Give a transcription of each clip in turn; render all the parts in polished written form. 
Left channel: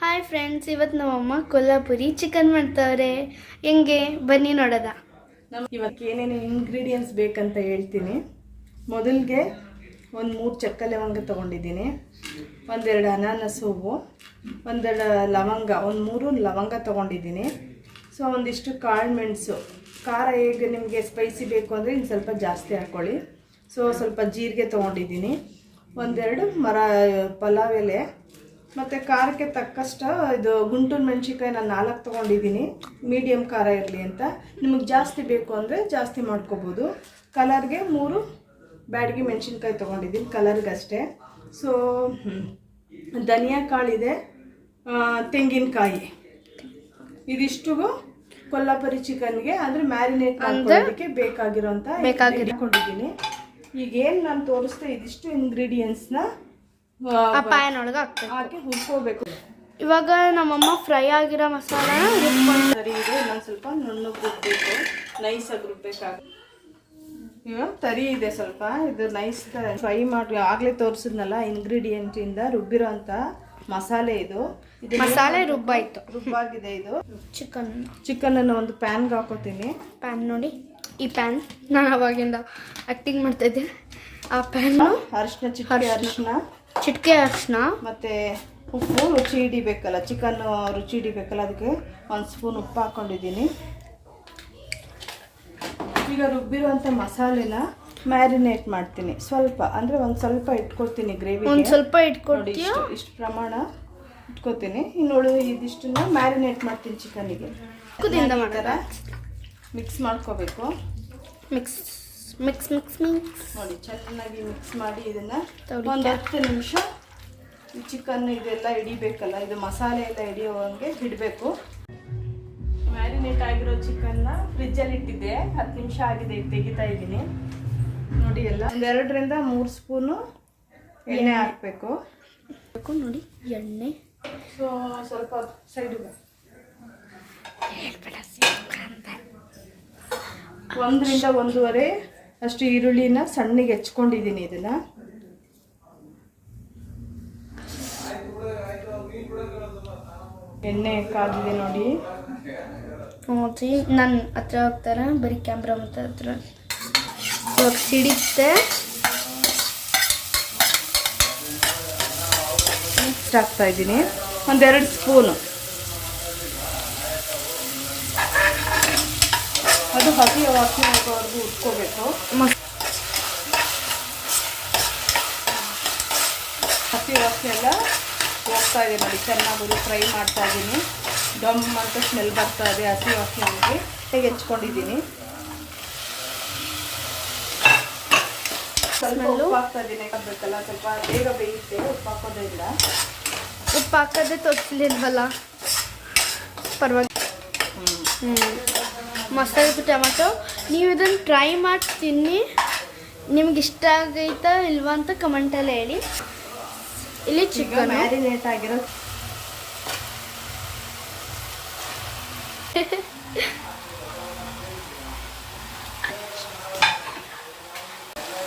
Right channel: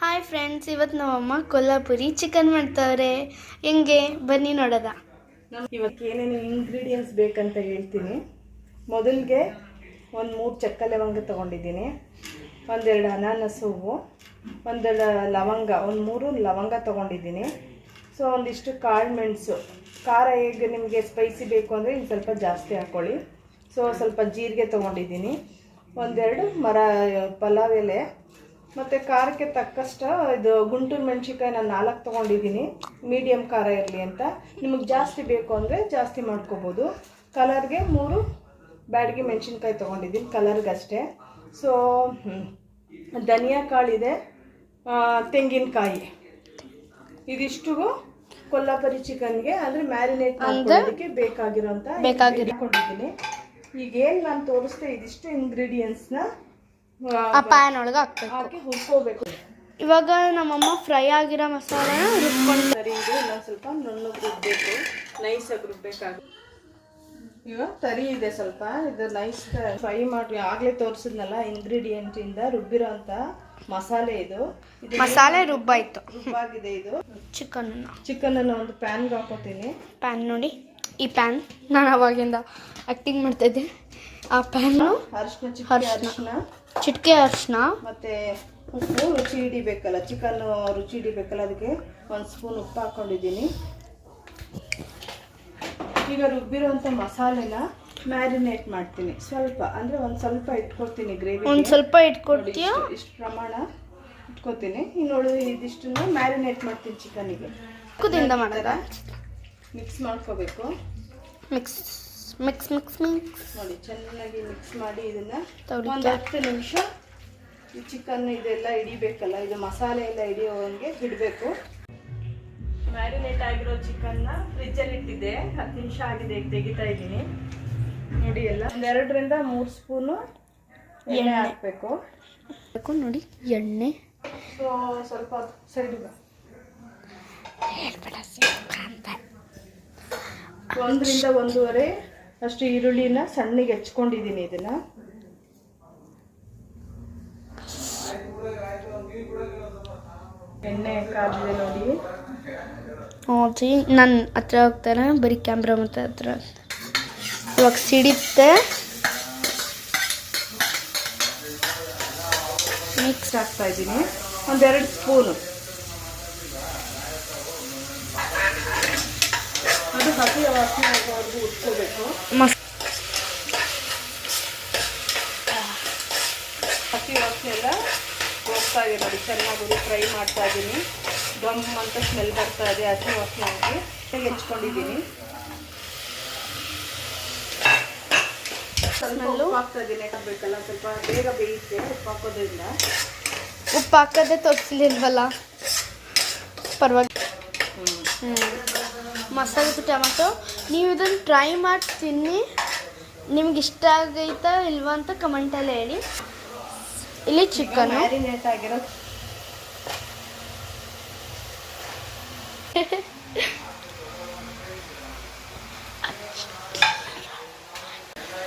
Hi friends, ಇವತ್ತು ನಮ್ಮಮ್ಮ Kolhapuri chicken ಮಾಡ್ತಾವ್ರೆ. ಹೆಂಗೆ ಬನ್ನಿ ನೋಡೋದ. ಇವತ್ತು ಏನೇನು ಇಂಗ್ರೀಡಿಯೆಂಟ್ಸ್ ಬೇಕಂತ ಹೇಳ್ತೀನಿ. ಮೊದಲಿಗೆ ಒಂದು 3 ಚಕ್ಕೆ ಲವಂಗ ತೊಗೊಂಡಿದ್ದೀನಿ, ಒಂದೆರಡು ಅನಾನಸ್ ಹೂವು, ಒಂದೆರಡು ಲವಂಗ, ಒಂದು 3 ಲವಂಗ ತೊಗೊಂಡಿದ್ದೀನಿ. ಸೊ ಒಂದಿಷ್ಟು ಕಾಳು ಮೆಣಸು. ಖಾರ ಹೇಗೆ ನಿಮಗೆ ಸ್ಪೈಸಿ ಬೇಕು ಅಂದರೆ ಇನ್ನು ಸ್ವಲ್ಪ ಜಾಸ್ತಿ ಹಾಕ್ಕೊಳ್ಳಿ. ಸೊ ಸ್ವಲ್ಪ ಜೀರಿಗೆ ತೊಗೊಂಡಿದ್ದೀನಿ, ಒಂದೆರಡು ಪಲಾವ್ ಎಲೆ, ಮತ್ತು ಖಾರಕ್ಕೆ ತಕ್ಕಷ್ಟು ಇದು ಗುಂಟೂರು ಮೆಣಸಿನ್ಕಾಯಿ ನಾನು 4 ತೊಗೊಂಡಿದ್ದೀನಿ, ಮೀಡಿಯಮ್ ಖಾರ ಇರಲಿ ಅಂತ. ನಿಮಗೆ ಜಾಸ್ತಿ ಬೇಕು ಅಂದರೆ ಜಾಸ್ತಿ ಮಾಡ್ಕೋಬೋದು. ಕಲರ್ಗೆ 3 ಬ್ಯಾಡಗಿ ಮೆಣಸಿನ್ಕಾಯಿ ತೊಗೊಂಡಿದ್ದೀನಿ, ಕಲರ್ಗಷ್ಟೇ. ಸೊ ಧನಿಯಾ ಕಾಳಿದೆ, ತೆಂಗಿನಕಾಯಿ, ಇದಿಷ್ಟು ಕೊಲ್ಲಾಪುರಿ ಚಿಕನ್ಗೆ ಅಂದರೆ ಮ್ಯಾರಿನೇಟ್ ಮಾಡೋದಕ್ಕೆ ಬೇಕಾಗಿರೋಂಥ ಇಟ್ಕೊಂಡಿದ್ದೀನಿ. ಈಗೇನು ನಾನು ತೋರಿಸ್ದೆ ಇದಿಷ್ಟು ಇಂಗ್ರೀಡಿಯೆಂಟ್ಸ್ನ ಪ್ಯಾನ್ ಒಳಗೆ ಹಾಕಿ ಹುರ್ಕೋಬೇಕು. ಇವಾಗ ನಮ್ಮಮ್ಮ ಫ್ರೈ ಆಗಿರೋ ಮಸಾಲಾನ ರುಬ್ಕೊಂಡು ಸರಿ ಇದೆ. ಇನ್ನೊಂದು ಸ್ವಲ್ಪ ನುಣ್ಣಗೆ ರುಬ್ಬೇಕು, ನೈಸಾಗಿ ರುಬ್ಬೇಕಾಗುತ್ತೆ. ತರಿ ಇದೆ ಸ್ವಲ್ಪ, ಇದು ನೈಸ್ ಫ್ರೈ ಮಾಡಿ ಆಗಲೇ ತೋರಿಸಿದ್ನಲ್ಲ ಇಂಗ್ರೀಡಿಯೆಂಟಿಂದ ರುಬ್ಬಿರೋ ಅಂತ ಮಸಾಲೆ. ಇದು ಮಸಾಲೆ ರುಬ್ಬಾಗಿದೆ. ಇದು ಚಿಕನ್ ಒಂದು ಪ್ಯಾನ್ಗೆ ಹಾಕೋತೀನಿ. ಪ್ಯಾನ್ ನೋಡಿ, ಈ ಪ್ಯಾನ್ ನಾನು ಅವಾಗಿಂದ ಆಕ್ಟಿಂಗ್ ಮಾಡ್ತಾಯಿದ್ದೆ. ಆ ಪ್ಯಾನು ಚಿಟಿಕೆ ಅರಿಶಿನ ಮತ್ತು ಉಪ್ಪು, ರುಚಿ ಹಿಡಿಬೇಕಲ್ಲ, ಚಿಕನ್ ರುಚಿ ಹಿಡಿಬೇಕಲ್ಲ, ಅದಕ್ಕೆ 1 ಸ್ಪೂನ್ ಉಪ್ಪು ಹಾಕ್ಕೊಂಡಿದ್ದೀನಿ. ಈಗ ರುಬ್ಬಿರೋಂಥ ಮಸಾಲೆನ ಮ್ಯಾರಿನೇಟ್ ಮಾಡ್ತೀನಿ. ಸ್ವಲ್ಪ ಅಂದರೆ ಒಂದು ಸ್ವಲ್ಪ ಇಟ್ಕೊಳ್ತೀನಿ, ಗ್ರೇವಿ ಒಂದು ಸ್ವಲ್ಪ ಇಟ್ಕೊಳ್ತೀಯ, ಇಷ್ಟು ಪ್ರಮಾಣ ಇಟ್ಕೊತೀನಿ. ಇನ್ನು ಇದಿಷ್ಟನ್ನು ಮ್ಯಾರಿನೇಟ್ ಮಾಡ್ತೀನಿ ಚಿಕನ್ನಿಗೆ. ಕುದಿಂದ ಮಾಡೋದ ಮಿಕ್ಸ್ ಮಾಡ್ಕೋಬೇಕು. ಮಿಕ್ಸ್ ನೋಡಿ, ಚೆನ್ನಾಗಿ ಮಿಕ್ಸ್ ಮಾಡಿ ಇದನ್ನು ಒಂದು 10 ನಿಮಿಷ ಈ ಚಿಕನ್ ಇದೆಲ್ಲ ಹಿಡಿಬೇಕಲ್ಲ, ಇದು ಮಸಾಲೆ ಎಲ್ಲ ಹಿಡಿಯೋವಂಗೆ ಇಡಬೇಕು. ಮ್ಯಾರಿನೇಟ್ ಆಗಿರೋ ಚಿಕನ್ನ ಫ್ರಿಜ್ಜಲ್ಲಿ ಇಟ್ಟಿದ್ದೆ, 10 ನಿಮಿಷ ಆಗಿದೆ. ಈಗ ತೆಗಿತಾ ಇದ್ದೀನಿ ನೋಡಿ. ಎಲ್ಲ 2 ರಿಂದ 3 ಸ್ಪೂನು ಎಣ್ಣೆ ಹಾಕಬೇಕು. ನೋಡಿ ಎಣ್ಣೆ. ಸೊ ಸ್ವಲ್ಪ ಸೈಡ್ಗೆ 1 ರಿಂದ 1.5 ಅಷ್ಟು ಈರುಳ್ಳಿನ ಸಣ್ಣಗೆ ಹೆಚ್ಕೊಂಡಿದ್ದೀನಿ. ಇದನ್ನ ಎಣ್ಣೆ ಕಾದಿದೆ ನೋಡಿ. ನನ್ನ ಹತ್ರ ಹೋಗ್ತಾರೆ, ಬರೀ ಕ್ಯಾಮ್ರಾ ಮತ್ತೆ ಹತ್ರ ಇವಾಗ ಸಿಡಿತ್ತೆ. ಮಿಕ್ಸ್ ಹಾಕ್ತಾ ಇದ್ದೀನಿ, 1-2 ಸ್ಪೂನು. ಅದು ಹಸಿ ವಾಸನೆ ಆಗೋವರೆಗೂ ಉಟ್ಕೋಬೇಕು. ಹಸಿ ವಾಸನೆ ಎಲ್ಲ ಹೋಗ್ತಾ ಇದೆ ನೋಡಿ, ಚೆನ್ನಾಗಿ ಫ್ರೈ ಮಾಡ್ತಾ ಇದ್ದೀನಿ. ಡಮ್ ಅಂತ ಸ್ಮೆಲ್ ಬರ್ತಾ ಇದೆ, ಹಸಿ ವಾಸನೆ ಆಗಿ ಹೆಚ್ಕೊಂಡಿದ್ದೀನಿ. ಸ್ವಲ್ಪ ಉಪ್ಪು ಹಾಕ್ತಾ ಇದ್ದೀನಿ, ಹಾಕಬೇಕಲ್ಲ, ಸ್ವಲ್ಪ ಬೇಗ ಬೇಯುತ್ತೆ ಉಪ್ಪು ಹಾಕೋದ್ರಿಂದ. ಉಪ್ಪು ಹಾಕೋದೇ ತೋರಿಸಲಿಲ್ವಲ್ಲ, ಪರವಾಗಿ. ಮಸಾಲೆ ಟೊಮೆಟೊ ನೀವು ಇದನ್ನು ಟ್ರೈ ಮಾಡಿ ತಿನ್ನಿ, ನಿಮ್ಗೆ ಇಷ್ಟ ಆಗೈತಾ ಇಲ್ವಾ ಅಂತ ಕಮೆಂಟಲ್ಲಿ ಹೇಳಿ. ಇಲ್ಲಿ ಚಿಕನ್ ಮ್ಯಾರಿನೇಟ್ ಆಗಿರೋ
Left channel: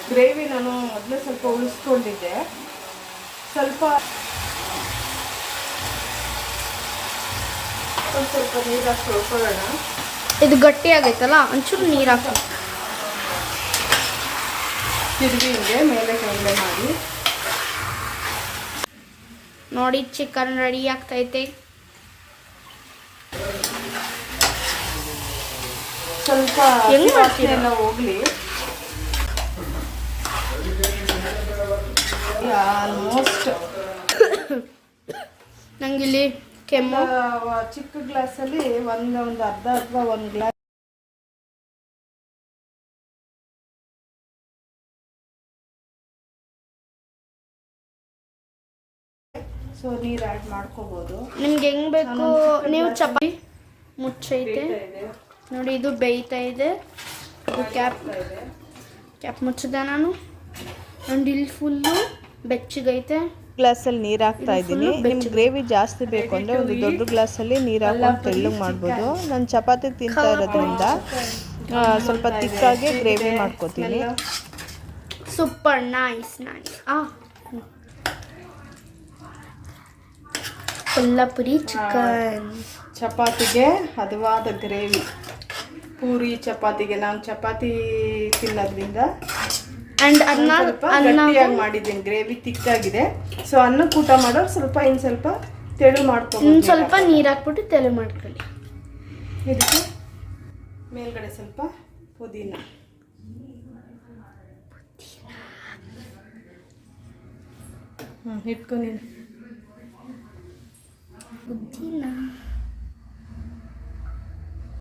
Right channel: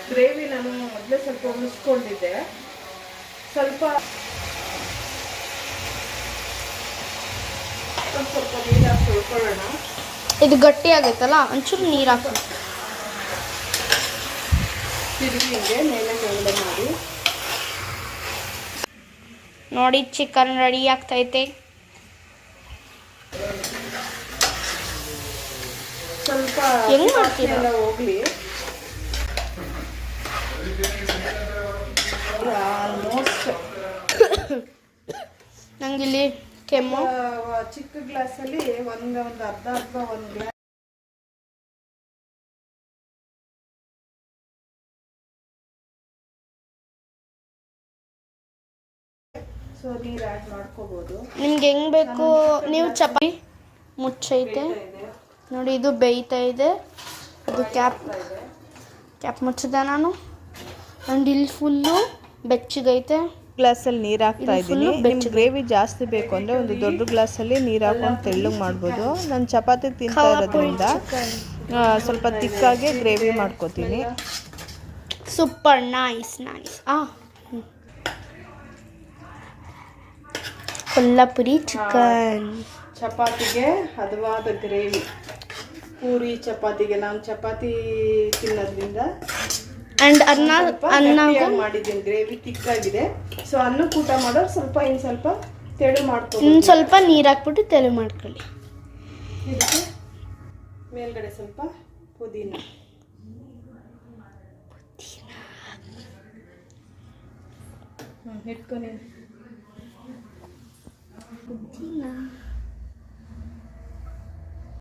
ಗ್ರೇವಿ ನಾನು ಮೊದಲೇ ಸ್ವಲ್ಪ ಉಳಿಸ್ಕೊಂಡಿದ್ದೆ. ಸ್ವಲ್ಪ ನೀರು ಹಾಕಿ ತೊಳ್ಕೊಳ್ಳೋಣ. ಇದು ಗಟ್ಟಿ ಆಗೈತಲ್ಲ, ಒಂಚೂರು ನೀರು ಹಾಕಿ ತಿರುಗಿ ಹಿಂಗೆ ಮೇಲೆ ಕೆಳಗೆ ಮಾಡಿ. ನೋಡಿ, ಚಿಕನ್ ರೆಡಿ ಆಗ್ತೈತೆ. ಸ್ವಲ್ಪ ಹೆಂಗ್ ಮಾಡ್ತೀರಾ ಹೋಗ್ಲಿ. ಆಲ್ಮೋಸ್ಟ್ ನಂಗಿಲ್ಲಿ ಕೆಮ್ಮು. ಚಿಕ್ಕ ಗ್ಲಾಸಲ್ಲಿ ಒಂದು ಅರ್ಧ 1 ಗ್ಲಾಸ್ ಸೊ ನೀರು ಆ್ಯಡ್ ಮಾಡ್ಕೋಬೋದು. ನಿಮ್ಗೆ ಹೆಂಗ್ ಬೇಕು. ನೀವು ಚಪಾತಿ ಮುಚ್ಚೈತೆ ನೋಡಿ, ಇದು ಬೇಯ್ತಾ ಇದೆ. ಇದು ಕ್ಯಾಪ್ ಮುಚ್ಚಿದೆ ನಾನು. ಆ್ಯಂಡ್ ಇಲ್ಲಿ ಫುಲ್ಲು ಬೆಚ್ಚಗೈತೆ. ಗ್ಲಾಸಲ್ಲಿ ನೀರು ಹಾಕ್ತಾ ಇದ್ದೀನಿ. ನಿಮ್ಗೆ ಗ್ರೇವಿ ಜಾಸ್ತಿ ಬೇಕು ಅಂದರೆ ಒಂದು ದೊಡ್ಡ ಗ್ಲಾಸಲ್ಲಿ ನೀರು ಹಾಕೊಂಡು ತೆಳ್ಳಗೆ ಮಾಡ್ಬೋದು. ನಾನು ಚಪಾತಿ ತಿಂತಾ ಇರೋದ್ರಿಂದ ಸ್ವಲ್ಪ ತಿಕ್ಕಾಗಿ ಗ್ರೇವಿ ಮಾಡ್ಕೋತೀನಿ. Super nice. ಕೊಲ್ಲಾಪುರಿ ಚಿಕನ್. ಚಪಾತಿಗೆ ಹದವಾದ ಗ್ರೇವಿ. ಪೂರಿ ಚಪಾತಿಗೆ ನಾವು ಚಪಾತಿ ತಿನ್ನೋದ್ರಿಂದ ಆ್ಯಂಡ್ ಅನ್ನ ಗಟ್ಟಿಯಾಗಿ ಮಾಡಿದ್ದೀನಿ, ಗ್ರೇವಿ ತಿಕ್ಕಾಗಿದೆ. ಸೊ ಅನ್ನಕ್ಕೆ ಊಟ ಮಾಡೋರು ಸ್ವಲ್ಪ ಇನ್ನು ಸ್ವಲ್ಪ ತೆಳು ಮಾಡ್ಕೊಂಡು ಸ್ವಲ್ಪ ನೀರು ಹಾಕ್ಬಿಟ್ಟು ತೆಳು ಮಾಡ್ಕೊಳ್ಳಿ. ಇದಕ್ಕೆ ಮೇಲ್ಗಡೆ ಸ್ವಲ್ಪ ಪುದೀನ. ಇಟ್ಕೊ ನೀನು. ಪುದೀನ